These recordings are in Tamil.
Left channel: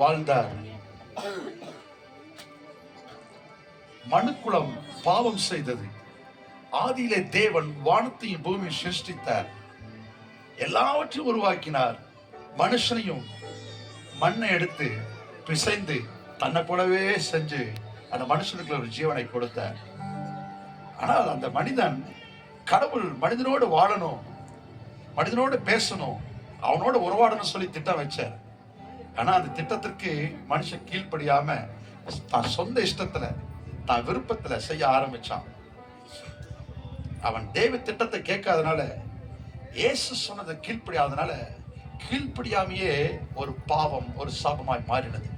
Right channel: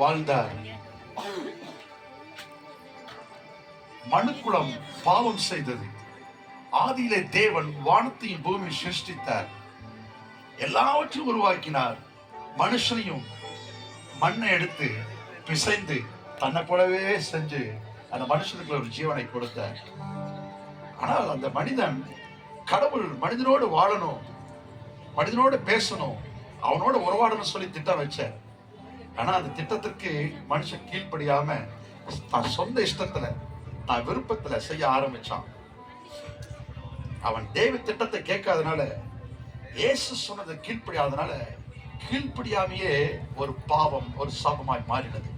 வாழ்ந்தார். மனுக்குலம் பாவம் செய்தது. ஆதியிலே தேவன் வானத்தையும் பூமி சிருஷ்டித்தார், எல்லாவற்றையும் உருவாக்கினார். மனுஷனையும் மண்ணை எடுத்து பிசைந்து தன்னை போலவே செஞ்சு அந்த மனுஷனுக்கு ஒரு ஜீவனை கொடுத்தார். ஆனால் அந்த மனிதன், கடவுள் மனிதனோடு வாழணும், மனிதனோடு பேசணும், அவனோட உறவாடணும் சொல்லி திட்டம் வச்சார். ஆனா அந்த திட்டத்திற்கு மனுஷன் கீழ்ப்படியாம தான் சொந்த இஷ்டத்துல தான் விருப்பத்துல செய்ய ஆரம்பிச்சான். அவன் தேவ திட்டத்தை கேட்காதனால, இயேசு சொன்னதை கீழ்ப்படியாதனால, கீழ்ப்படியாமையே ஒரு பாவம், ஒரு சாபமாய் மாறினது.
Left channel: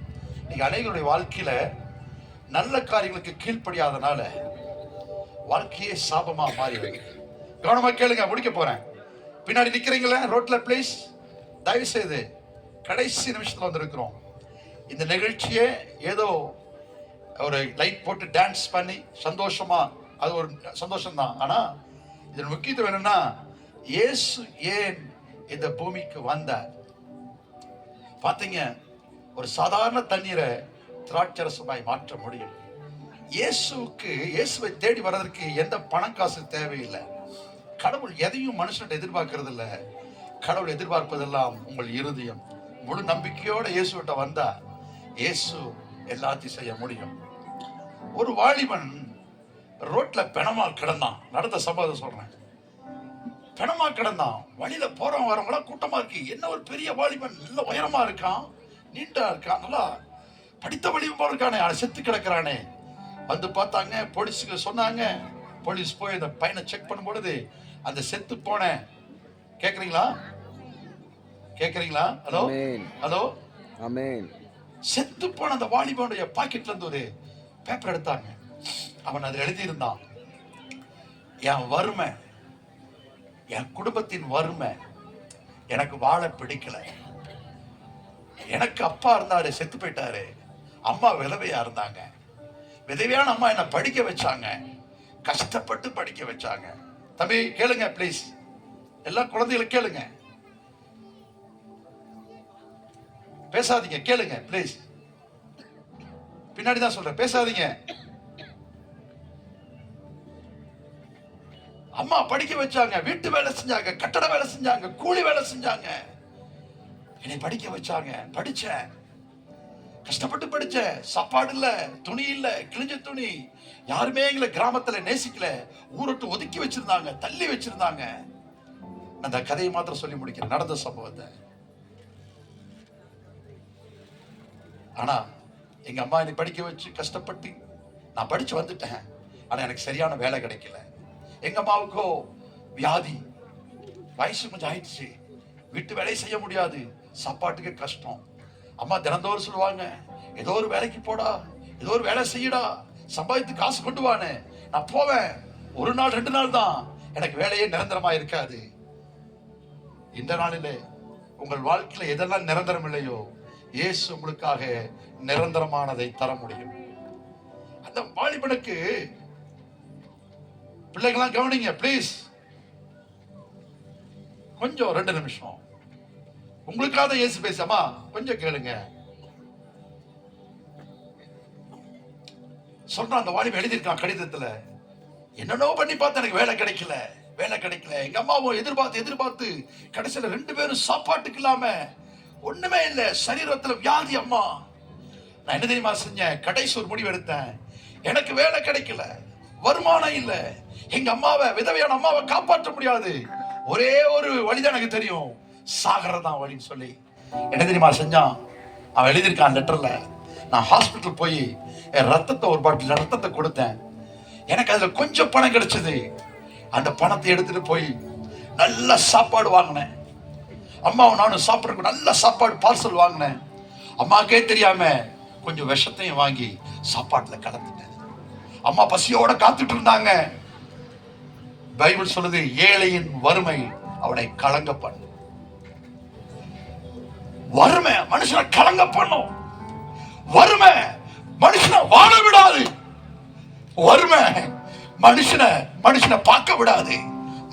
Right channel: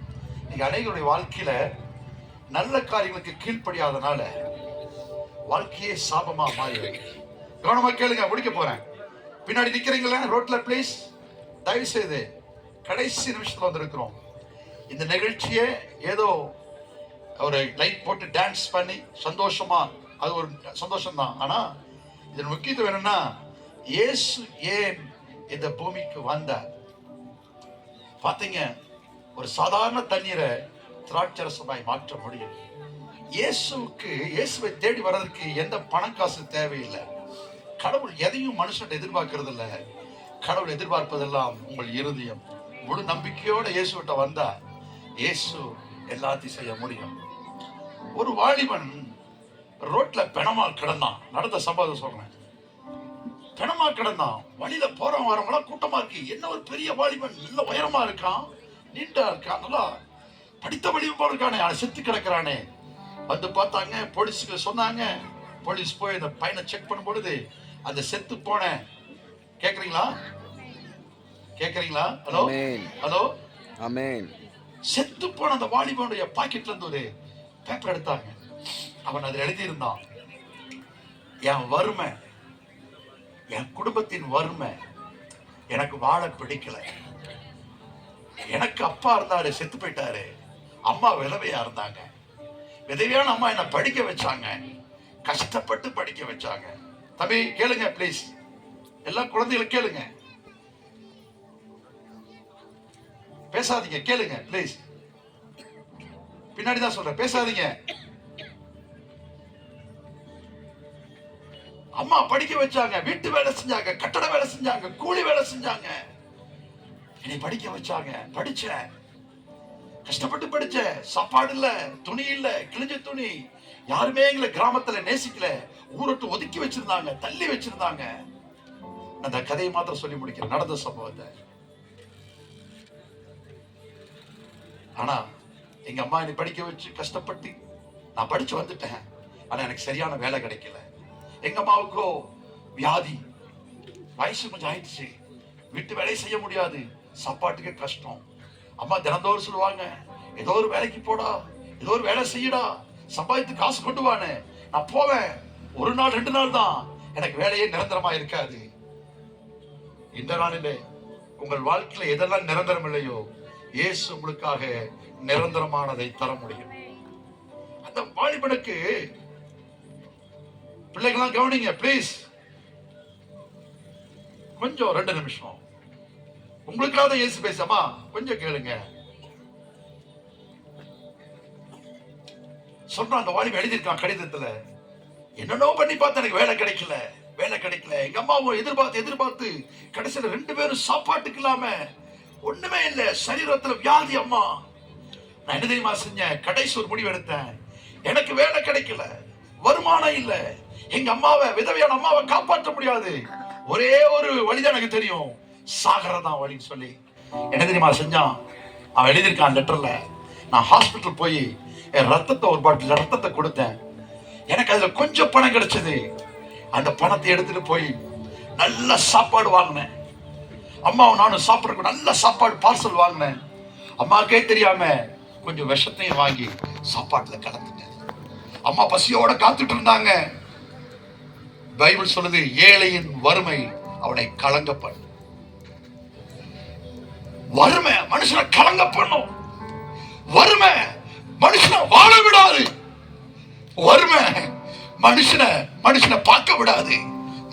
இன்னைக்கு அநேகருடைய வாழ்க்கையில நல்ல காரியங்களுக்கு கீழ்ப்படியாதனால வாழ்க்கையே சாபமா மாறிடுது. கவனமா கேளுங்க, முடிக்க போறேன். பின்னாடி நிக்கிறீங்களா ரோட்ல, பிளீஸ் தயவு செய்து, கடைசி நிமிஷத்துல வந்திருக்கிறோம். இந்த நிகழ்ச்சியே ஏதோ ஒரு லைட் போட்டு டான்ஸ் பண்ணி சந்தோஷமா, அது ஒரு சந்தோஷம் தான். ஆனா இதன் முக்கியத்துவம் என்னன்னா, இயேசு ஏன் இந்த பூமிக்கு வந்தார்? பாத்தீங்க, ஒரு சாதாரண தண்ணீரை திராட்சரசமாய் மாற்ற முடியும். இயேசுவை தேடி வர்றதுக்கு எந்த பணம் காசு தேவையில்லை. கடவுள் எதையும் மனுஷன் எதிர்பார்க்கறது இல்லை. கடவுள் எதிர்பார்ப்பதெல்லாம் உங்கள் இருதயம். முழு நம்பிக்கையோட இயேசுகிட்ட வந்தா இயேசு எல்லாத்தையும் செய்ய முடியும். ஒரு வாலிபன் ரோட்ல பிணமா கிடந்தான். நடந்த சம்பவத்தை சொல்றேன். பிணமா கிடந்தான். வழியில போறவன் வரவங்களாம் கூட்டமா இருக்கு. என்ன ஒரு பெரிய வாலிபன், நல்ல உயரமா இருக்கான், நீண்டா இருக்கான், நல்லா படித்த வழியும் போல இருக்கானே, அவனை செத்து கிடக்குறானே. வந்து பார்த்தாங்க, போலீஸுக்கு சொன்னாங்க. போலீஸ் போய் அந்த பையனை செக் பண்ணும் பொழுது அந்த செத்து போன, கேக்குறீங்களா கேக்குறீங்களா ஹலோ ஹலோ ஆமென், செத்து போன அந்த வாலிபனுடைய பாக்கெட்ல இருந்து ஒரு பேப்பர் எடுத்தாங்க. அவன் அதில் எழுதியிருந்தான், என் வறுமை, என் குடும்பத்தின் வறுமை, எனக்கு வாழ பிடிக்கல. எனக்கு அப்பா இருந்தாரு, செத்து போயிட்டாரு. அம்மா விதவையா இருந்தாங்க. விதவையான அம்மா என்ன படிக்க வச்சாங்க, கஷ்டப்பட்டு படிக்க வச்சாங்க. தம்பி கேளுங்க பிளீஸ், எல்லா குழந்தைகளும் கேளுங்க, பேசாதீங்க, கேளுங்க பிளீஸ். பின்னாடிதான் சொல்றேன், பேசாதீங்க. அம்மா படிக்க வச்சாங்க, வீட்டு வேலை செஞ்சாங்க, கட்டட வேலை செஞ்சாங்க, கூலி வேலை செஞ்சாங்க, என்னை படிக்க வச்சாங்க. படிச்சேன், கஷ்டப்பட்டு படிச்சேன். சாப்பாடு இல்ல, துணி இல்ல, கிழிஞ்ச துணி. யாருமே எங்களை கிராமத்துல நேசிக்கல, ஊரட்டு ஒதுக்கி வச்சிருந்தாங்க, தள்ளி வச்சிருந்தாங்க. அந்த கதையை மாத்திரம் சொல்லி முடிக்கிறேன், நடந்த சம்பவத்தை. ஆனா எங்க அம்மா என்னை படிக்க வச்சு கஷ்டப்பட்டு நான் படிச்சு வந்துட்டேன். ஆனா எனக்கு சரியான வேலை கிடைக்கல. எங்க அம்மாவுக்கோ வியாதி, வயசு கொஞ்சம் ஆயிடுச்சு, வீட்டு வேலையை செய்ய முடியாது, சாப்பாட்டுக்கு கஷ்டம். அம்மா தினந்தோறும் சொல்லுவாங்க, ஏதோ ஒரு வேலைக்கு போடா, ஏதோ ஒரு வேலை செய்யடா, சம்பாதித்து காசு கொண்டு வான்னு. நான் போவேன், ஒரு நாள் 2 நாள் தான், எனக்கு வேலையே நிரந்தரமா இருக்காது. இந்த நாளிலே உங்கள் வாழ்க்கையில எதெல்லாம் நிரந்தரம் இல்லையோ, இயேசு உங்களுக்காக நிரந்தரமானதை தர முடியும். அந்த வாலிபனுக்கு, பிள்ளைங்களாம் கவனிங்க பிளீஸ், கொஞ்சம் 2 நிமிஷம் உங்களுக்காக இயேசு பேசாமா, கொஞ்சம் கேளுங்க. சொல்றான், அந்த வாலிபன் எழுதியிருக்கான் கடிதத்துல, என்னென்னோ பண்ணி பார்த்து எனக்கு வேலை கிடைக்கல, வேலை கிடைக்கல. எங்க அம்மாவும் எதிர்பார்த்து கடைசியில 2 பேரும் சாப்பாட்டுக்கு இல்லாம, ஒண்ணுமே இல்லை, சரீரத்துல வியாதி. அம்மா, நான் என்ன தெரியுமா செஞ்சேன்? கடைசி ஒரு முடிவு எடுத்தேன். எனக்கு வேலை கிடைக்கல, வருமானம் இல்லை, எங்க அம்மாவை, விதவையான அம்மாவை காப்பாற்ற முடியாது, ஒரே ஒரு வழிதான் எனக்கு தெரியும், சாகரதான் வழின்னு சொல்லி என்ன தெரியுமா செஞ்சான்? அவன் எழுதியிருக்கான் லெட்டர்ல, நான் ஹாஸ்பிட்டல் போய் என் ரத்தத்தை, ஒரு பாட்டில் ரத்தத்தை கொடுத்தேன், எனக்கு அதுல கொஞ்சம் பணம் கிடைச்சது. அந்த பணத்தை எடுத்துட்டு போய் நல்ல சாப்பாடு வாங்கினேன். அம்மாவும் நானும் சாப்பிட்றதுக்கு நல்ல சாப்பாடு பார்சல் வாங்கினேன். அம்மாக்கே தெரியாம கொஞ்சம் விஷத்தையும் வாங்கி சாப்பாட்டுல கலந்துட்டேன். அம்மா பசியோட காத்துட்டு இருந்தாங்க. பைபிள் சொல்லுது, ஏழையின் வறுமை அவனை கலங்க பண்ணு. வறுமை மனுஷனை கலங்க பண்ணும். வறுமை மனுஷனை வாழ விடாது. வறுமை மனுஷனை பார்க்க விடாது.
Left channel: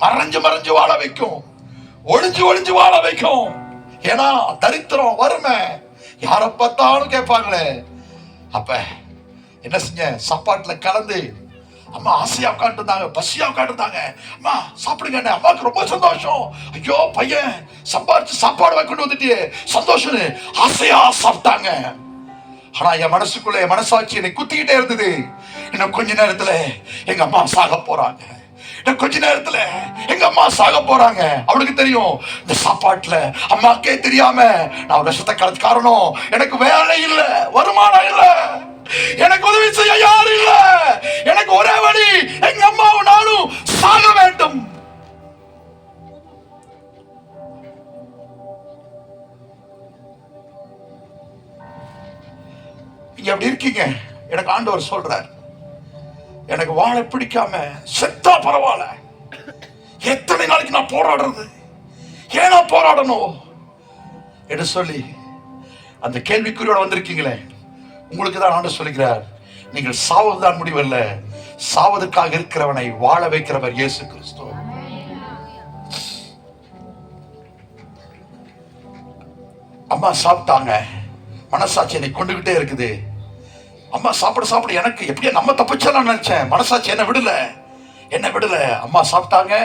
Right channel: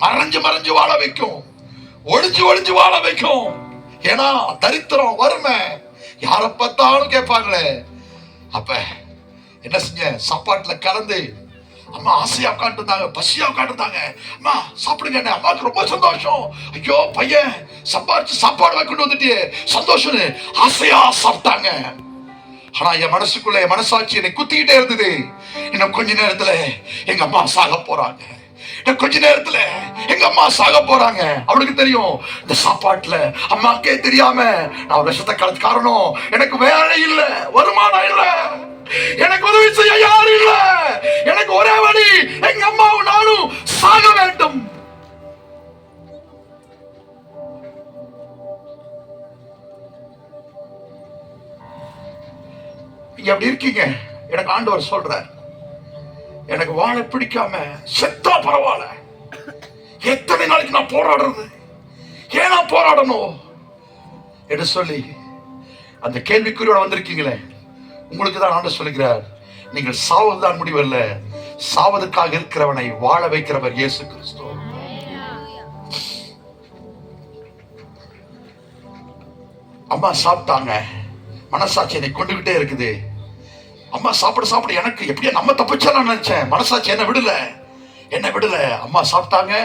மறைஞ்சு வாழ வைக்கும், ஒளிஞ்சு வாழ வைக்கும். ஏன்னா தரித்திரம், வறுமை யாரை பார்த்தாலும் கேட்பாங்களே. அப்ப என்ன செஞ்ச, சாப்பாட்டுல கலந்து அம்மா ஆசையா உட்காந்து இருந்தாங்க, பசியா உட்காந்து இருந்தாங்க. அம்மா சாப்பிடுங்க, அம்மாவுக்கு ரொம்ப சந்தோஷம். ஐயோ பையன் சம்பாரிச்சு சாப்பாடு கொண்டு வந்துட்டு சந்தோஷம், ஆசையா சாப்பிட்டாங்க. ஆனா என் மனசுக்குள்ள என் மனசாட்சி என்னை குத்திக்கிட்டே இருந்தது. இன்னும் கொஞ்ச நேரத்துல எங்க அம்மா சாக போறாங்க, இன்னும் கொஞ்ச நேரத்துல எங்க அம்மா சாக போறாங்க. அவளுக்கு தெரியும் இந்த சாப்பாட்டுல அம்மாக்கே தெரியாம நான் விஷத்தை கலந்து காரணம் எனக்கு வேலை இல்ல, வருமானம் இல்ல, எனக்கு உதவி செய்ய யாரும் இல்ல, எனக்கு ஒரே வழி எங்க அம்மாவும் நானும் சாக வேண்டும். நீங்க அப்படி இருக்கீங்க. எனக்கு ஆண்டவர் சொல்றார், எனக்கு வாழ பிடிக்காம செத்தா பரவாயில்ல, எத்தனை நாளைக்கு நான் போராடுறது, ஏன்னா போராடணும் என்று சொல்லி அந்த கேள்விக்குறியோட வந்திருக்கீங்களே, உங்களுக்கு தான் ஆண்டு சொல்லுகிறார், நீங்கள் சாவதுதான் முடிவல்ல, சாவதற்காக இருக்கிறவனை வாழ வைக்கிறவர் இயேசு கிறிஸ்து. அம்மா சாப்பிட்டாங்க, மனசாட்சி என்னை கொண்டுகிட்டே இருக்குது. அம்மா சாப்பிட எனக்கு எப்படியா நம்ம தப்பிச்சலாம் நினைச்சேன், மனசாட்சி என்ன விடல. அம்மா சாப்பிட்டாங்க,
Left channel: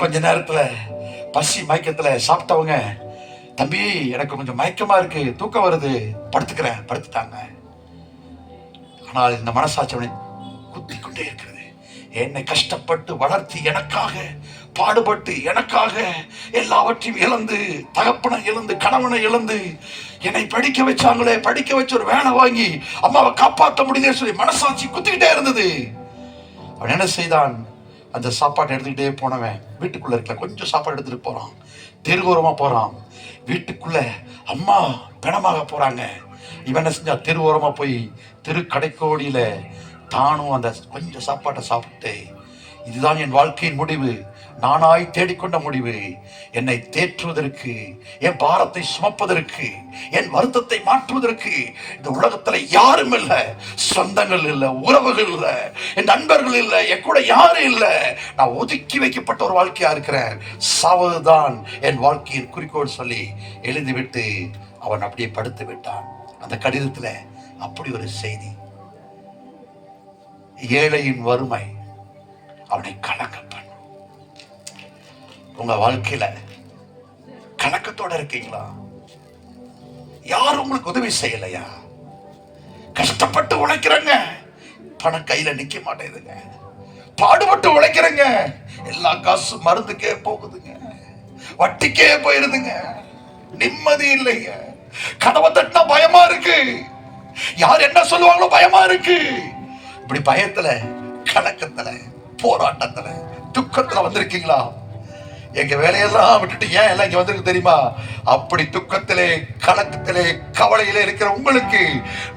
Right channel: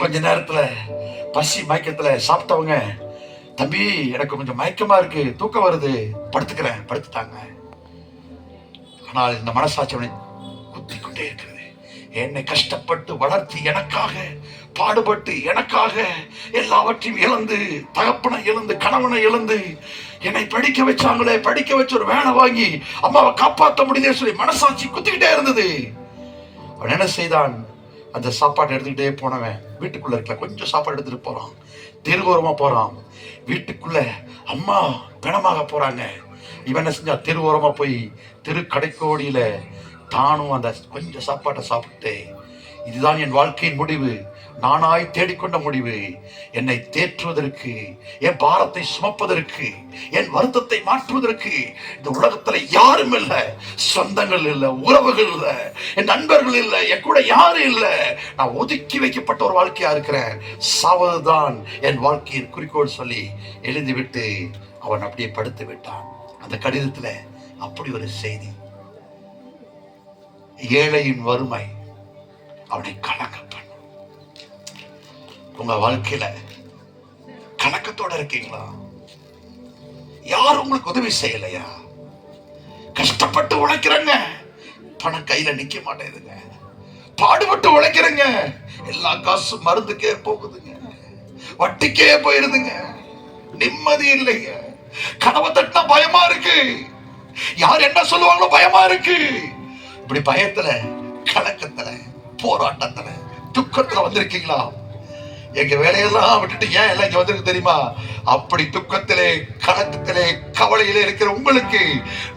கொஞ்ச நேரத்துல பசி மயக்கத்துல சாப்பிட்டவங்க, தம்பி எனக்கு கொஞ்சம் மயக்கமா இருக்கு, தூக்கம் வருது, படுத்துட்டாங்க. ஆனால் இந்த மனசாட்சி அவனை குத்தி கொண்டே இருக்கிறது. என்னை கஷ்டப்பட்டு வளர்த்து எனக்காக பாடுபட்டு எனக்காக எல்லாவற்றையும் இழந்து, தகப்பனை இழந்து, கணவனை இழந்து என்னை படிக்க வச்சாங்களே, படிக்க வச்சு ஒரு வேலை வாங்கி அம்மாவை காப்பாற்ற முடியல சொல்லி மனசாட்சி குத்திக்கிட்டே இருந்தது. அவன் என்ன செய்தான், அந்த சாப்பாட்டை எடுத்துக்கிட்டே போனவன் வீட்டுக்குள்ள இருக்கல கொஞ்சம் சாப்பாடு எடுத்துட்டு போறான், தெருவோரமா போறான். வீட்டுக்குள்ள அம்மா பிணமாக போறாங்க. இவன் என்ன செஞ்சா, தெருவோரமா போய் தெரு கடைக்கோடியில தானும் அந்த கொஞ்சம் சாப்பாட்டை சாப்பிட்டு, இதுதான் என் வாழ்க்கையின் முடிவு, நானாய் தேடிக்கொண்ட முடிவு, என்னை தேற்றுவதற்கு, என் பாரத்தை சுமப்பதற்கு, என் வருத்தத்தை மாற்றுவதற்கு இந்த உலகத்துல யாரும் இல்ல, சொந்தங்கள் இல்ல, உறவுகள் இல்ல, என் நண்பர்கள் இல்ல, என் கூட யாரும் இல்ல, நான் ஒதுக்கி வைக்கப்பட்ட ஒரு வாழ்க்கையா இருக்கிறேன், சாவதுதான் என் வாழ்க்கையின் குறிக்கோள் சொல்லி எழுதிவிட்டு அவன் அப்படியே படுத்து விட்டான். அந்த கடிதத்துல அப்படி ஒரு செய்தி, ஏழையின் வறுமை அவனை கலங்க பண்ண. உங்க வாழ்க்கையில கலக்கத்தோட இருக்கீங்களா? யாரும் உங்களுக்கு உதவி செய்யலையா? கஷ்டப்பட்டு உழைக்கிறங்க, பணம் கையில நிக்க மாட்டேங்குதுங்க, பாடுபட்டு உழைக்கிறங்க, எல்லா காசு மருந்துக்கே போகுதுங்க, வட்டிக்கே போயிருதுங்க, நிம்மதி இல்லைங்க, கதவை தட்டினா பயமா இருக்கு, யார் என்ன சொல்லுவாங்களோ பயமா இருக்கு. இப்படி பயத்துல, கலக்கத்துல, போராட்டத்துல, துக்கத்துல வந்திருக்கீங்களா? எங்க வேலையெல்லாம் விட்டுட்டு ஏன் எல்லாம் இங்க வந்திருக்கு தெரியுமா? அப்படி துக்கத்திலே, கலக்கத்திலே, கவலையிலே இருக்கிற உங்களுக்கு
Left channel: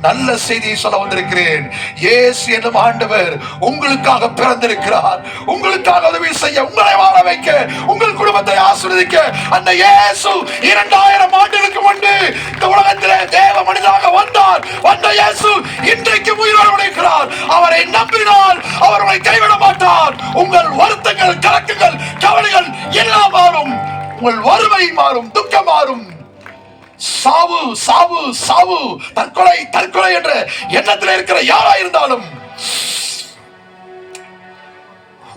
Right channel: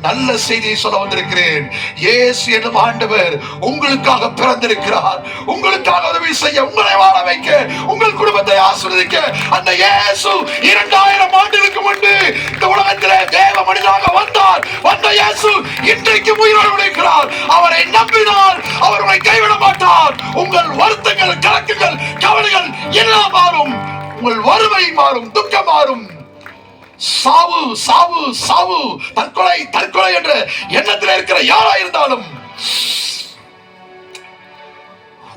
நல்ல செய்தியை சொல்ல வந்திருக்கிறேன். இயேசு என்னும் ஆண்டவர் உங்களுக்காக பிறந்திருக்கிறார். உங்களுக்காக உதவி செய்ய, உங்களை வாழ வைக்க, உங்கள் குடும்பத்தை ஆசீர்வதிக்க அந்த இயேசு 2000 ஆண்டுகளுக்கு முன்பு இந்த உலகத்திலே தேவ மனிதனாக வந்தார். வந்த இயேசு இன்றைக்கு உயிரோடு இருக்கிறார். அவரை நம்பினால் அவர் உங்களை கைவிட மாட்டார். உங்கள் வருத்தங்கள், கலக்கங்கள், கவலைகள் எல்லாம் மாறும். உங்கள் வறுமை மாறும், துக்கம் மாறும். சாவு சாவு சாவு, தற்கொலை தற்கொலை என்ற எண்ணத்தில் இருக்கிற யாரா இருந்தாலும்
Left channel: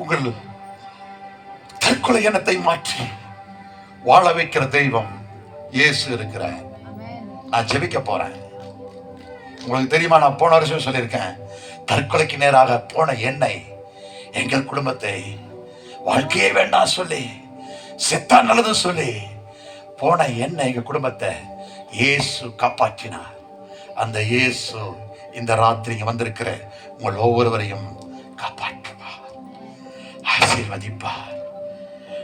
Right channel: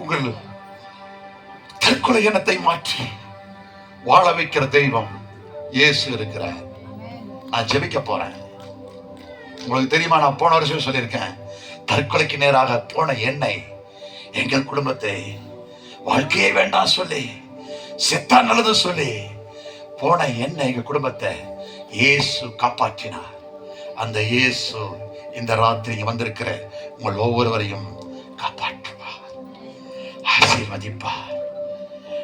உங்கள் தற்கொலை எண்ணத்தை மாற்றி வாழ வைக்கிற தெய்வம் இயேசு இருக்கிறார். நான் ஜெபிக்க போறேன். உங்களுக்கு தெரியுமா, நான் போன வருஷம் சொல்லியிருக்கேன், தற்கொலைக்கு நேராக போன என்னை, எங்கள் குடும்பத்தை, வாழ்க்கையே வேண்டாம் சொல்லி, செத்தா நல்லது சொல்லி போன என்ன, எங்க குடும்பத்தை இயேசு காப்பாற்றினார். அந்த இயேசு இந்த ராத்திரி வந்திருக்கிற உங்கள் ஒவ்வொருவரையும் காப்பாற்றுவார், ஆசீர்வதிப்பார்.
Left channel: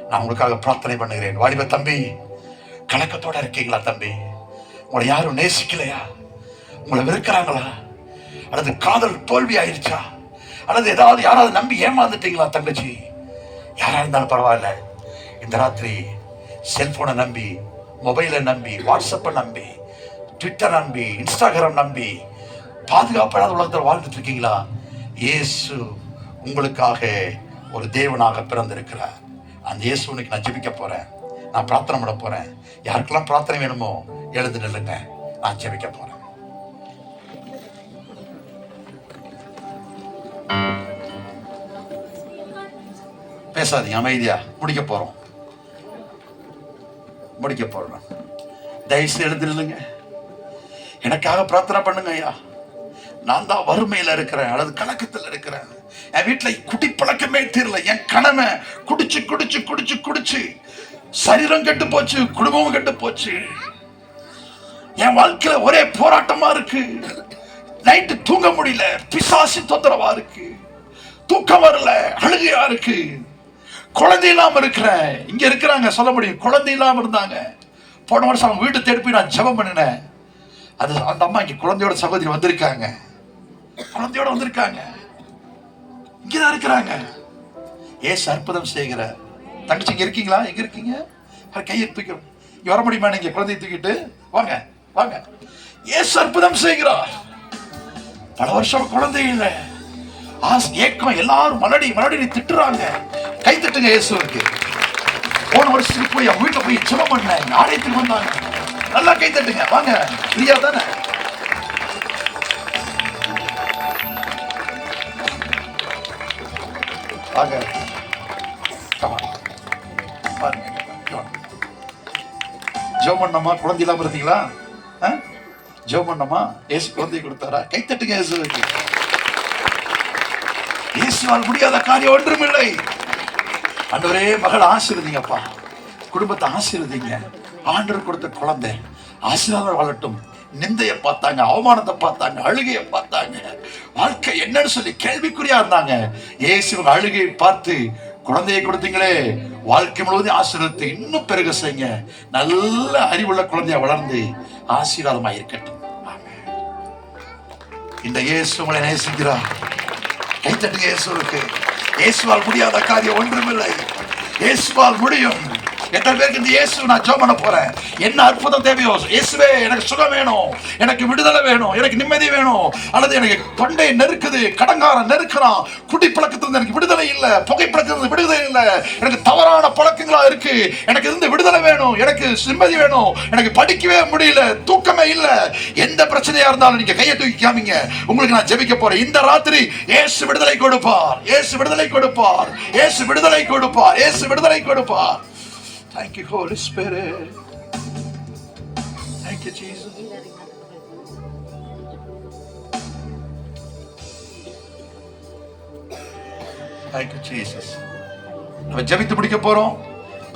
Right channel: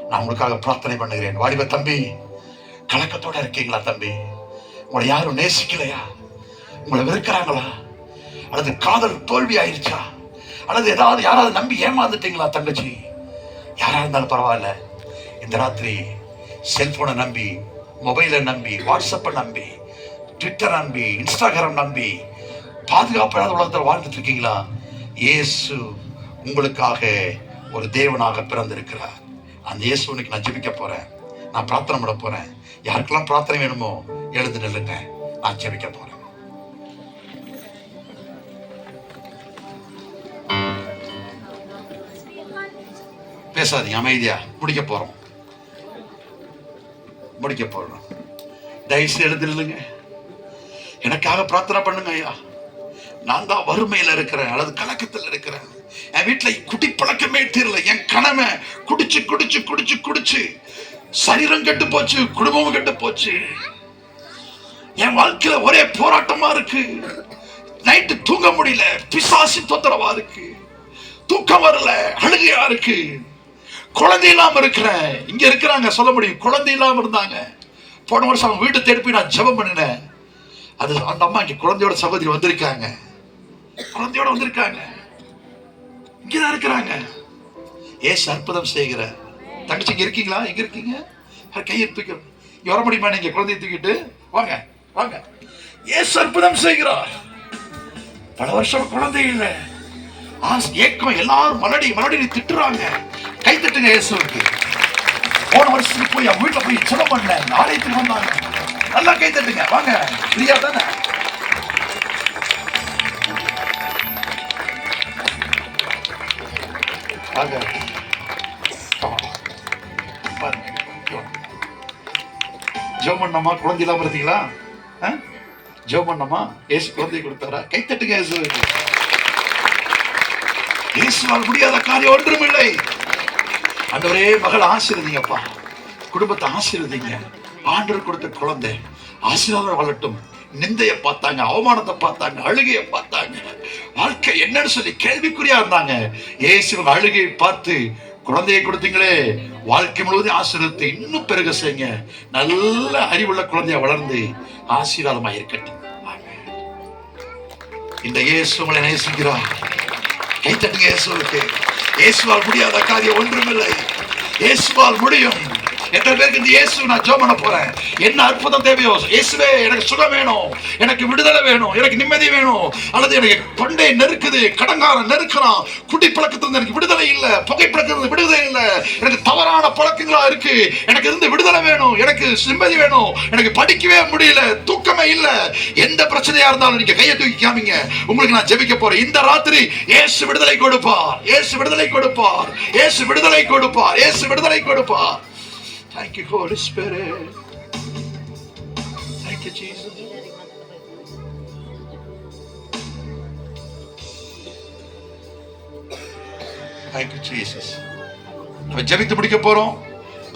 நான் உங்களுக்காக பிரார்த்தனை பண்ணுகிறேன். வாலிப தம்பி, கலக்கத்தோட இருக்கீங்களா தம்பி? உங்களை யாரும் நேசிக்கலையா? உங்களை வெறுக்கிறாங்களா? அல்லது காதல் தோல்வி ஆயிடுச்சா? அல்லது ஏதாவது யாராவது நம்பி ஏமாந்துட்டீங்களா தங்கச்சி? யாரா இருந்தாலும் பரவாயில்ல, இந்த ராத்திரி செல்போனை நம்பி, மொபைலை நம்பி, வாட்ஸ்அப்பை நம்பி, ட்விட்டர் நம்பி, இன்ஸ்டாகிராம் நம்பி பாதுகாப்பான உலகத்தில் வாழ்ந்துட்டு இருக்கீங்களா? இயேசு உங்களுக்காக ஒரு தேவனாக பிறந்திருக்கிறார். அந்த இயேசு உனக்கு நான் ஜெபிக்க போறேன், நான் பிரார்த்தனை பண்ண போறேன். யாருக்கெல்லாம் பிரார்த்தனை வேணுமோ எழுந்து நில்லுங்க. நான் ஜெபிக்க போறேன். பேசாதீங்க, அமைதியா முடிக்க போறோம். தயவுசெய்து எழுந்திருங்க. எனக்காக பிரார்த்தனை பண்ணுங்க ஐயா. நான் தான் வறுமையில இருக்கிறேன் அல்லது கலக்கத்தில் இருக்கிறேன். என் வீட்டுல குடி பழக்கமே தெரியல. என் கணமை குடிச்சு குடிச்சு குடிச்சு குடிச்சு சரீரம் கெட்டு போச்சு, குடும்பமும் கெட்டு போச்சு. என் வாழ்க்கையில ஒரே போராட்டமா இருக்கு. நைட்டு தூங்க முடியல, பிசாசு தொந்தரவா இருக்கு, தூக்கம் வரல, அழுகையா இருக்கு. குழந்தை இல்லாம இருக்கிறேன். இங்க இருக்கிறாங்க சொல்ல முடியும், குழந்தை இல்லாம இருந்தாங்க. போன வருஷம் அவங்க வீட்டை தேடி போய் நான் ஜெபம் பண்ணினேன். அது அந்த அம்மா இங்க குழந்தையோட சகோதரி வந்திருக்காங்க, குழந்தையோட வந்திருக்காங்க, இங்கதான் இருக்கிறாங்க. ஏசு அற்புதம் செய்கிற தங்கச்சி இங்க இருக்கீங்களா? எங்க இருக்கீங்க? கையெழுப்பிக்க வர முடியுமா? நீங்க குழந்தைய தூக்கிட்டு வாங்க வாங்க. ஏசு அற்புதம் செய்கிறார். பல வருஷம் குழந்தை இல்லை, ஏக்கம். எல்லாரும் மலடி மலடி திட்டுறாங்க. கை தட்டுங்க இயேசுவுக்கு. போன வருஷத்துக்கு போய் வீட்டுல போய் சுட பண்ணேன், ஆலயத்துக்கு வந்தாங்க. நல்லா கை தட்டுங்க. வாங்க, பிரியா தானே? வாங்க, ஜெபம் பண்ணமா? குழந்தை இல்லாம இருந்தீங்களா? ஜெபம் பண்ணமா? ஏசு குழந்தை கொடுத்தாரா? கை தட்டுங்க இயேசுவுக்கு. இயேசுவால் முடியாத காரியம் ஒன்றுமில்லை. ஆண்டவரே, மகள் ஆசீர்வதிங்கப்பா, குடும்பத்தை ஆசீர்வதிங்க. ஆண்டவர் கொடுத்த குழந்தை ஆசீர்வாதம் வாழட்டும். நிந்தையை பார்த்தாங்க, அவமானத்தை பார்த்தாங்க, அழுகையை பார்த்தாங்க, வாழ்க்கை என்னன்னு சொல்லி கேள்விக்குறியா இருந்தாங்க. இயேசு அழுகையை பார்த்து குழந்தையை கொடுத்தீங்களே, வாழ்க்கை முழுவதும் ஆசீர்வாதத்தை இன்னும் பெருக செய்யுங்க. நல்ல அறிவுள்ள குழந்தையா வளர்ந்து ஆசீர்வாதமா இருக்கட்டும். இந்த இயேசு உங்களை நேசிக்கிறார். கை தட்டுங்க இயேசுவுக்கு. இயேசுவால் முடியாத காரியம் ஒன்றுமில்லை. இயேசுவால் முடியும். எத்தனை பேருக்கு இந்த இயேசு நான் ஜெபம் பண்ண போறேன். என்ன அற்புதம் தேவையோ, இயேசுவே எனக்கு சுகம் வேணும், எனக்கு விடுதலை வேணும், எனக்கு நிம்மதி வேணும், அல்லது எனக்கு தொண்டை நெருக்குது, கடங்காரம் நெருக்கிறான், குடி பழக்கத்திலிருந்து எனக்கு விடுதலை இல்லை, புகை பழக்கத்திலிருந்து விடுதலை இல்லை, எனக்கு தவறான பழக்கங்களா இருக்கு, எனக்கு இருந்து விடுதலை வேணும், எனக்கு நிம்மதி வேணும், எனக்கு படிக்கவே முடியல, தூக்கமே இல்லை. எந்த பிரச்சனையா இருந்தாலும் நீங்க கையை தூக்கி காமிங்க. உங்களுக்கு நான் ஜெபிக்க போறேன். இந்த ராத்திரி இயேசு விடுதலை கொடுப்பார், இயேசு விடுதலை கொடுப்பார், இயேசு விடுதலை கொடுப்பார், இயேசு விடுதலை கொடுப்பார். Thank you, Holy Spirit. Thank you, Jesus. Thank you, Jesus. நம்ம ஜெபித்து முடிக்க போறோம்.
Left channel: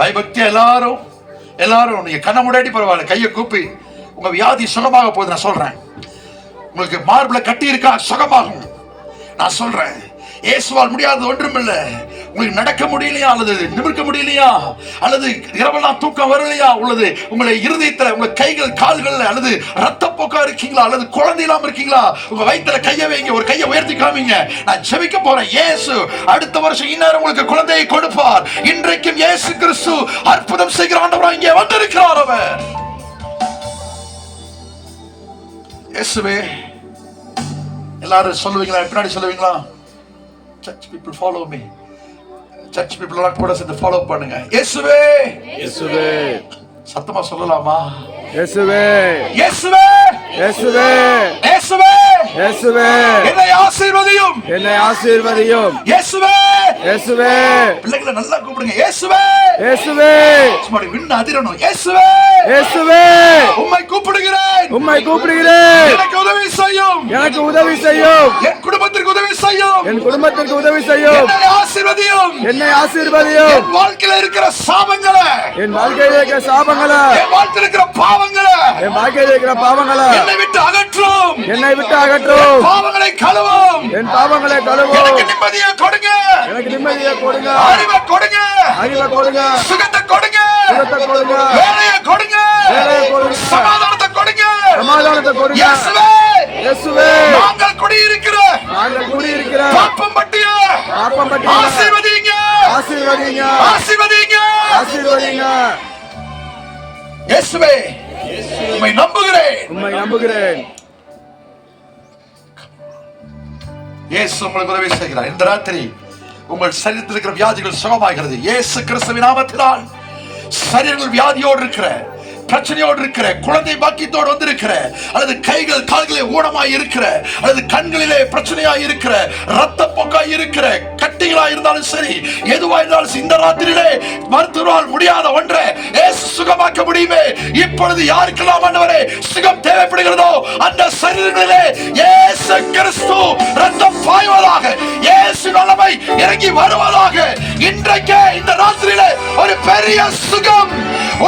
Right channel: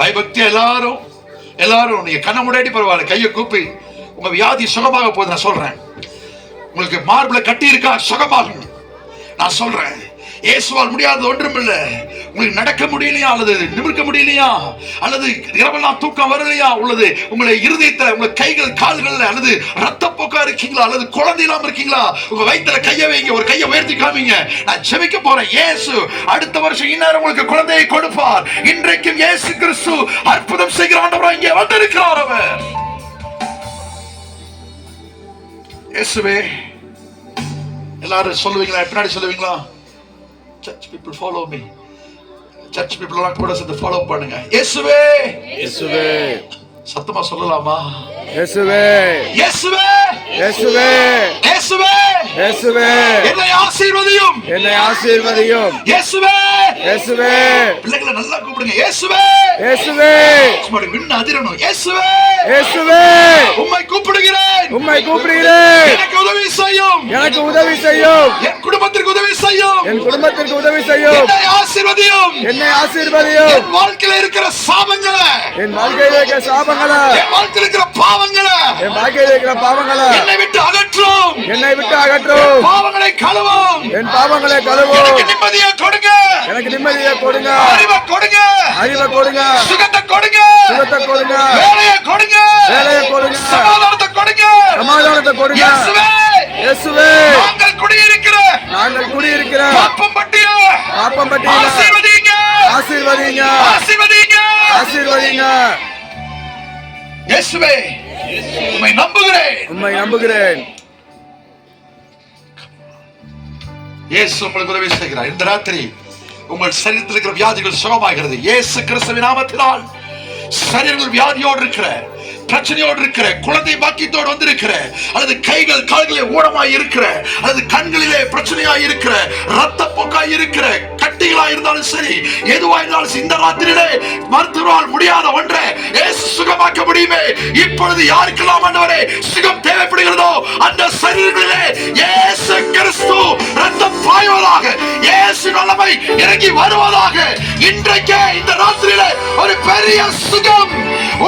பயபக்தி எல்லாரும் நீங்க கண்ண முன்னாடி பரவாயில்ல, கையை கூப்பி உங்க வியாதி சுகமாக போகுது நான் சொல்றேன். உங்களுக்கு மார்பிள கட்டி இருக்கா, சுகமாகும் நான் சொல்றேன். இயேசுவால் முடியாதது ஒன்றுமில்லை. உங்களுக்கு நடக்க முடியலையா, அல்லது நிமிர்க்க முடியலையா, அல்லது இரவெல்லாம் தூக்கம் வரலையா, உள்ளது உங்களை இருதயத்துல, உங்க கைகள் கால்கள், அல்லது ரத்தப்போக்கா இருக்கீங்களா, அல்லது குழந்தை இல்லாம இருக்கீங்களா, உங்க வயிற்றுல கையை வைங்க, ஒரு கையை உயர்த்தி காமிங்க. நான் ஜெபிக்க போறேன். இயேசு அடுத்த வருஷம் இன்னும் உங்களுக்கு குழந்தையை கொடுப்பார். இன்றைக்கும் இயேசு கிறிஸ்து அற்புதம் செய்கிற ஆண்டவராக இங்கே வந்திருக்கிறார். அவர் இயேசுவே. எல்லாரும் சொல்லுவீங்களா? பின்னாடி சொல்லுவீங்களா? Church people follow me. Church people எல்லாம் கூட சேர்ந்து ஃபாலோ பண்ணுங்க. இயேசுவே, இயேசுவே. சத்தமா சொல்லலாமா? இயேசுவே, இயேசுவே, இயேசுவே, இயேசுவே, இயேசுவே. என்னை ஆசீர்வதியும், என்னை ஆசீர்வதியும். இயேசுவே, இயேசுவே. பிள்ளைகளை நல்லா கூப்பிடுங்க. இயேசுவே, இயேசுவே. சும்மாடி விண்ண அதிரணும். இயேசுவே, இயேசுவே. உம்மை கூப்பிடுகிறேன், உம்மை கூப்பிடுகிறேன். எனக்கு உதவி செய்யும், எனக்கு உதவி செய்யும். என் குடும்பத்திற்கு உதவி செய்யும், என் குடும்பத்திற்கு உதவி செய்யும். என்னை ஆசீர்வதியும், என்னை ஆசீர்வதியும். என் வாழ்க்கையில இருக்கிற சாபங்களை, என் வாழ்க்கையில இருக்கிற சாபங்களை, என் வாழ்க்கையில இருக்கிற பாவங்களை, என் வாழ்க்கையில இருக்கிற பாவங்களை என்னை விட்டு அகற்றும், என்னை விட்டு அகற்றும். பாவங்களை கழுவும், என் பாவங்களை கழுவும். எனக்கு நிம்மதியை கொடுங்க, எனக்கு நிம்மதியை கொடுங்க. அறிவை கொடுங்க, அறிவை கொடுங்க. சுகத்தை கொடுங்க, சுகத்தை கொடுங்க. வேலையை கொடுங்க, வேலையை கொடுங்க. சமாதானத்தை கொடுங்க, சமாதானத்தை கொடுங்க. இயேசுவே, இயேசுவே. நாங்கள் குடியிருக்கிற, நாங்கள் குடியிருக்கிற பாப்பம்பட்டியா, பாப்பம்பட்டியா ஆசீர்வதிங்க, ஆசீர்வதிங்க, ஆசீர்வதிங்க, ஆசீர்வதிங்க. இயேசுவே, உம்மை நம்புகிறேன், உம்மை நம்புகிறேன். இயேசு உங்களுக்கு உதவி செய்கிறார். இந்த ராத்திரி உங்கள் சரீரத்தில் இருக்கிற வியாதிகள் சுகமாகிறது. இயேசு கிறிஸ்துவின் நாமத்தினால் சரீரங்கள் வியாதியோடு இருக்கிற பிரச்சனையோடு இருக்கிற, குழந்தை பாக்கியத்தோடு வந்திருக்கிற, அல்லது கைகள் கால்களிலே ஊனமாய் இருக்கிற, அல்லது கண்களிலே பிரச்சனையாய் இருக்கிற, ரத்த போக்காய் இருக்கிற, கட்டிகளாய் இருந்தாலும் சரி, எதுவாய் இருந்தாலும் இந்த ராத்திரியிலே மருத்துவரால் முடியாத ஒன்றை இயேசு சுகமாக்க முடியுமே. இப்பொழுது யாருக்கெல்லாம் ஆண்டவரே சுகம் தேவைப்படுகிறதோ அந்த சரீரங்களிலே இயேசு கிறிஸ்து ரத்தம் பாய்வதாக, இயேசு வல்லமை இறங்கி வருவதாக. இன்றைக்கே இந்த ராத்திரியிலே ஒரு பெரிய சுகம்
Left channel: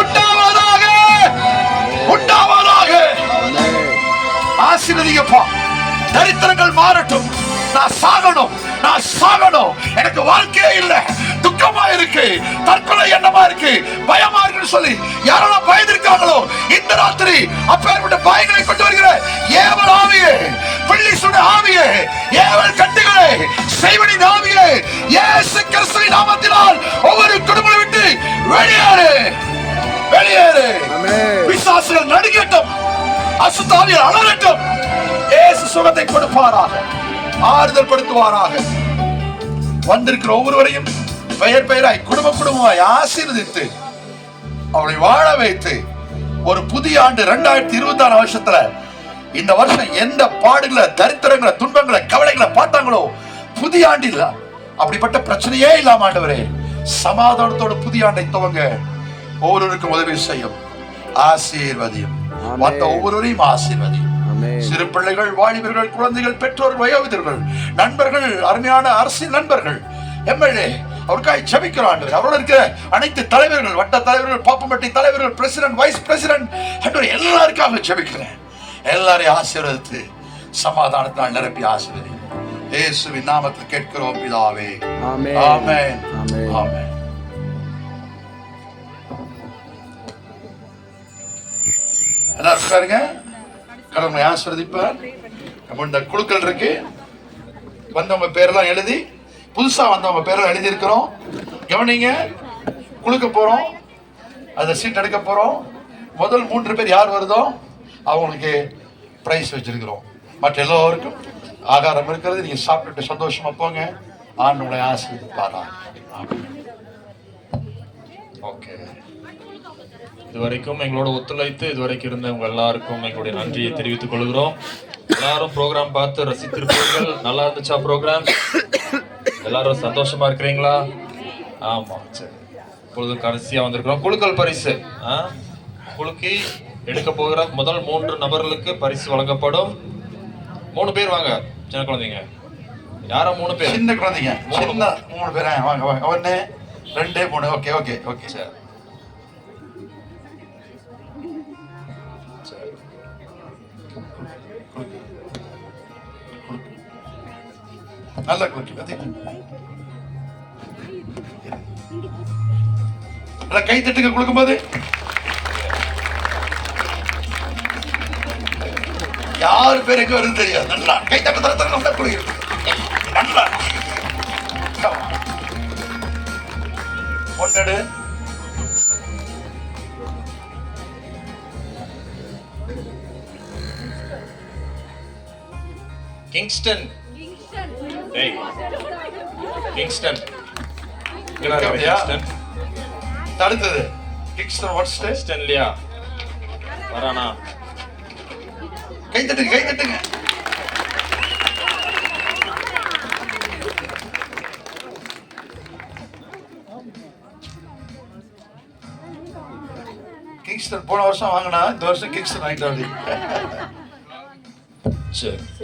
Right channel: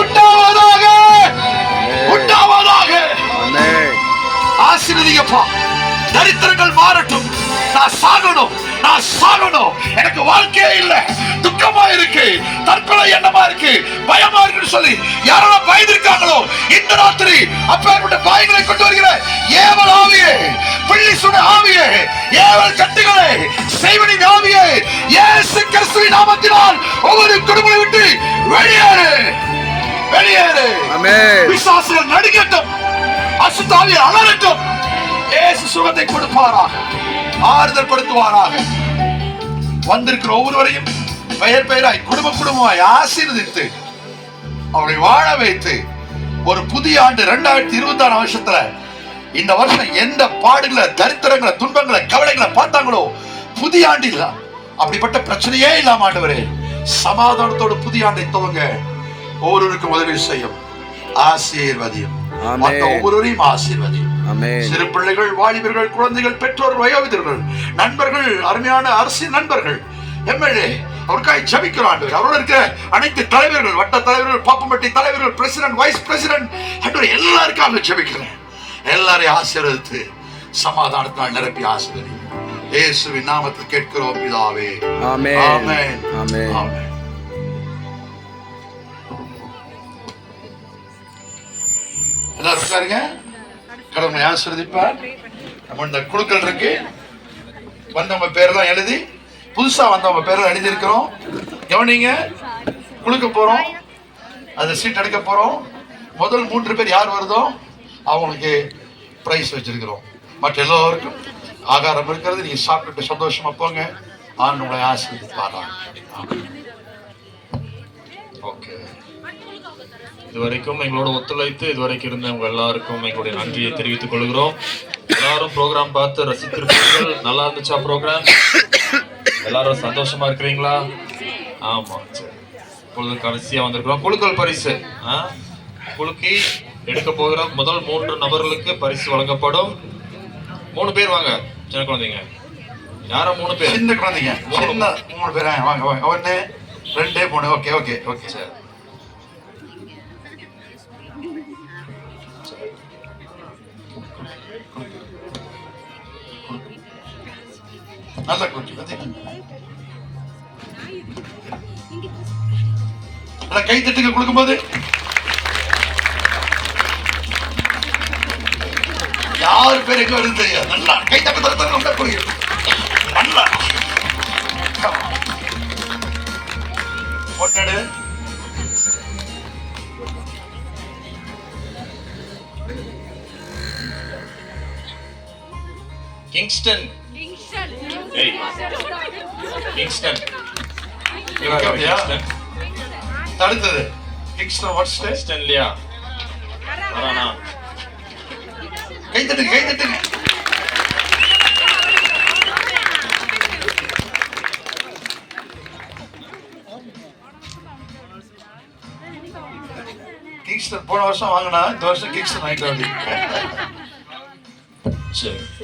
உண்டாவதாக, உண்டாவதாக. ஆசீர்வதிங்கப்பா. தரித்திரங்கள் மாறட்டும். நான் சாகணும், நான் சாகணும், எனக்கு வாழ்க்கையே இல்லை, துக்கமா இருக்கு, தற்கொலை எண்ணமா இருக்கு, பயமா இருக்குன்னு சொல்லி யாரெல்லாம் பயந்திருக்காங்களோ இந்த ராத்திரி அப்பேற்பட்ட பயங்களை கொண்டு வருகிற ஏவல் ஆவியே, பிள்ளி சுட ஆவியே, ஏவல் கட்டுகளே, செய்வனின் ஆவியே, இயேசு கிறிஸ்துவின் நாமத்தினால் ஒவ்வொரு குடும்பத்தை விட்டு வெளியேறு, வெளியேறு. பிசாசுகள் நடுங்கட்டும், அசுத்தாவியர் அலறட்டும். இயேசு சுகத்தை கொடுப்பாராக, ஆறுதல் படுத்துவாராக. வந்திருக்கிற ஒவ்வொருவரையும் பெயர் பெயராய் குடும்ப குடும்பமாய் ஆசீர்வதித்து அவளை வாழ வைத்து ஒரு புதிய ஆண்டு 2026 வருஷத்துல, இந்த வருஷம் எந்த பாடுகளை, தரித்திரங்களை, துன்பங்களை, கவலைகளை பார்த்தாங்களோ புதிய ஆண்டில் அப்படிப்பட்ட பிரச்சனையே இல்லாம ஆண்டவரே சமாதானத்தோடு புதிய ஆண்டை துவங்க ஒவ்வொருவருக்கும் உதவி செய்யும். ஆசீர்வதியும், ஒவ்வொருவரையும் ஆசீர்வதியும். சிறு பிள்ளைகள், வாலிபர்கள், குழந்தைகள், பெற்றோர், வயோதிகர்கள், நண்பர்கள், அருமையான அரசியல் நண்பர்கள், எம்எல்ஏ அவருக்காக ஜெபிக்கிறோம் ஆண்டவரே. அவரோட இருக்கிற அனைத்து தலைவர்கள், வட்ட தலைவர்கள், பாப்பம்பட்டி தலைவர்கள், பிரசிடென்ட், வைஸ் பிரசிடென்ட், எல்லாருக்காக ஜெபிக்கிறேன். எல்லாரையும் ஆசீர்வதித்து சமாதானத்தால் நிரப்பி ஆசீர்வதி. இயேசுவின் நாமத்தில் கேட்கிறோம் பிதாவே. ஆமென், ஆமென், ஆமென். எல்லாரும் உட்காருங்க. கடவுளை ஆசீர்வதிப்பார். நம்ம இந்த குழுக்கள் இருக்கு, வந்தவங்க பேரெல்லாம் எழுதி, புதுசா வந்தவங்க பேரெல்லாம் எழுதி இருக்கிறோம். கவனிங்க, குழுக்க போறோம், அந்த சீட் எடுக்க போறோம். முதல் 3 பேர் யார் வருதோ அவங்களுக்கு பிரைஸ் வச்சிருக்கிறோம். மற்ற எல்லோருக்கும் ஆகாரம் இருக்கிறது, நீங்க சாப்பிட்டு சந்தோஷமா போங்க. ஆண்டு உங்களை ஆசீர்வதிப்பாரா. ஓகே. இதுவரைக்கும் எங்களோட ஒத்துழைத்து இதுவரைக்கும் இருந்தவங்க எல்லாருக்கும் எங்களுடைய நன்றியை தெரிவித்துக் கொள்கிறோம். எல்லாரும் ப்ரோக்ராம் பார்த்து ரசித்திருப்பீர்கள். நல்லா இருந்துச்சா ப்ரோக்ராம்? எல்லாரும் சந்தோஷமா இருக்கிறீங்களா? ஆமா, சரி. இப்பொழுது கடைசியா வந்திருக்கிறோம் குழுக்கள் பரிசு. குலுக்கி எடுக்க போகிற முதல் 3 நபர்களுக்கு பரிசு வழங்கப்படும். 3 பேர் வாங்க, சின்ன குழந்தைங்க. யாரா 3 பேர்? சின்ன குழந்தைங்க, 3 பேர் வாங்க வாங்க. 1 2 3. Okay okay okay sir. நல்லா குட்டி கை தட்டுங்க கொடுக்கும்போது. யாரு பேர் எங்க வருது தெரியாது. நல்லா கை தட்டு தர நல்லா கொடுங்க. நல்லா ஒன்னடு கிங்ஸ்டன். Hey. Kingston. அடுத்தது கிங்ஸ்டன். What stay? கிங்ஸ்டன்லியா? வரானா? கை தட்டுங்க, கை தட்டுங்க. கிங்ஸ்டன் போன வருஷம் வாங்கினா, இந்த வருஷம் கிங்ஸ்டன் வாங்கிட்டு வந்து.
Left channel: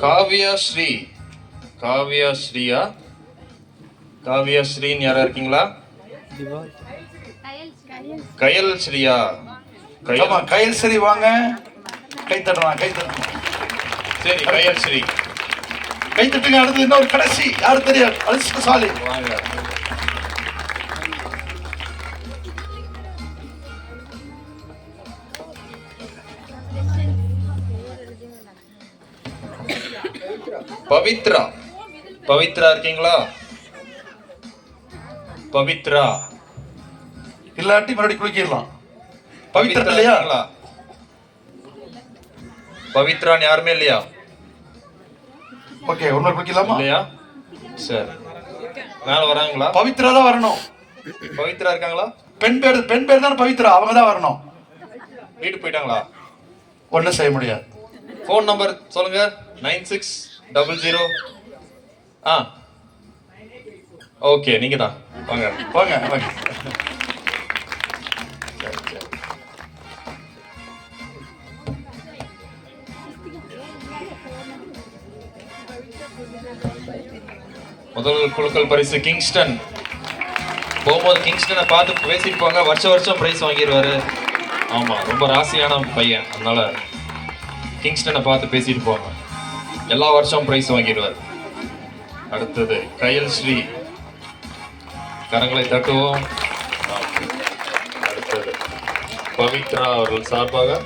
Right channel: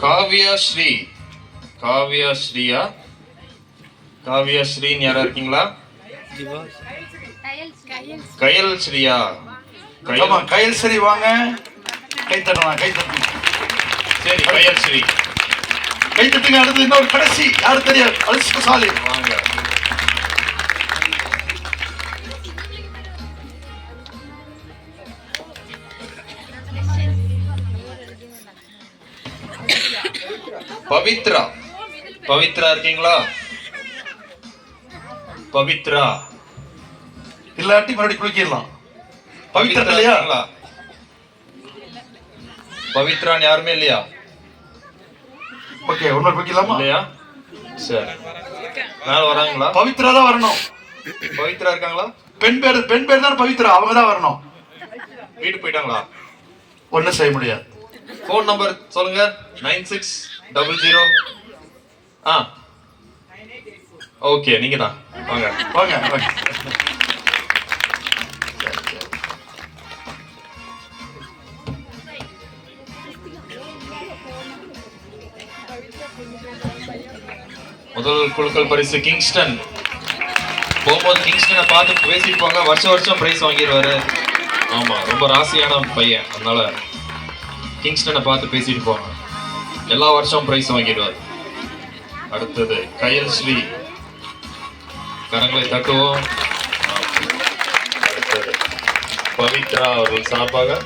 காவியா ஸ்ரீ. காவியா ஸ்ரீயா? காவியா ஸ்ரீன்னு யாரா இருக்கீங்களா? கயல் ஸ்ரீயா? கயல் ஸ்ரீ வாங்க. கை தட்டலாம், கை தட்டலாம். சரி, கயல் ஸ்ரீ கை தட்டுங்க. அடுத்து இன்னொரு கடைசி யாரு தெரியாது, அதிர்ஷ்டசாலி வாங்க. பவித்ரா. பவித்ரா இருக்கீங்களா? பவித்ரா இல்லாட்டி மறுபடியும் குளிக்கலாம். பவித்ரா இல்லையா? பவித்ரான்னு யாருமே இல்லையா? ஓகே, ஒன்னு குளிக்கலாமா? இல்லையா? சரி, மேல வராங்களா? பவித்ரா தான் வரணும். பவித்ரா இருக்காங்களா? பெண் பேர் தானே பவித்ரா, அவங்க தான் வரணும். வீட்டுக்கு போயிட்டாங்களா? ஒன்றும் செய்ய முடியாது. ஃபோன் நம்பர் சொல்லுங்க. 9600. ஓகே, நீங்க தான் வாங்க. வாங்க வாங்க. முதல் குழுக்கள் பரிசு கிங்ஸ்டன். போகும்போது கிங்ஸ்டனை பார்த்து பேசிட்டு போங்க. வருஷம் பிரைஸ் வாங்கிடுவாரு. ஆமா, ரொம்ப ராசியான பையன், அதனால கிங்ஸ்டனை பார்த்து பேசிட்டு போங்க. எல்லா வருஷமும் பிரைஸ் வாங்கிடுவார். அடுத்தது கயல் ஸ்ரீ. கரங்களை தட்டுவோம். அடுத்தது பவித்ரா அவர்கள் சார்பாக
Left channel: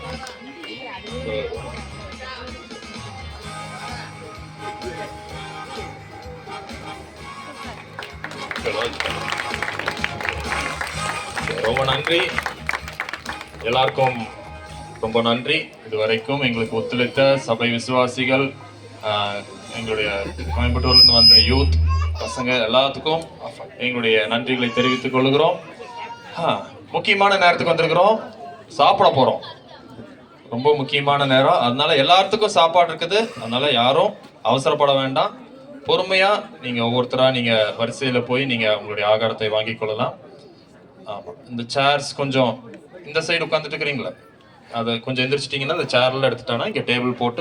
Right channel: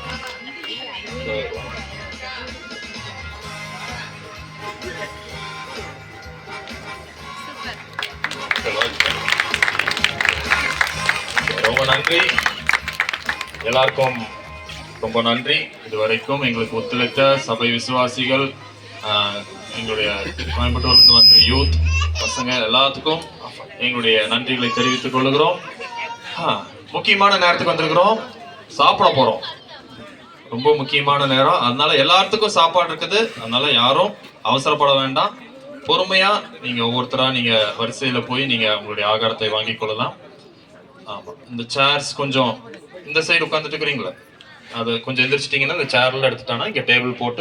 ரொம்ப நன்றி. எல்லாருக்கும் ரொம்ப நன்றி. இதுவரைக்கும் எங்களுக்கு ஒத்துழைத்த சபை விசுவாசிகள், எங்களுடைய கோயம்புத்தூர்லேருந்து வந்த யூத் பசங்க எல்லாத்துக்கும் எங்களுடைய நன்றிகளை தெரிவித்துக் கொள்கிறோம். முக்கியமான நேரத்துக்கு வந்திருக்கிறோம், சாப்பிட போறோம். ரொம்ப முக்கியமான நேரம், அதனால எல்லாத்துக்கும் சாப்பாடு இருக்குது. அதனால யாரும் அவசரப்பட வேண்டாம். பொறுமையா நீங்க ஒவ்வொருத்தரா நீங்க வரிசையில போய் நீங்க உங்களுடைய ஆகாரத்தை வாங்கி கொள்ளலாம். ஆமா, இந்த சேர்ஸ் கொஞ்சம் இந்த சைடு உட்காந்துட்டு இருக்கிறீங்களா, அதை கொஞ்சம் எந்திரிச்சிட்டிங்கன்னா இந்த சேர்ல எடுத்துட்டானா இங்க டேபிள் போட்டு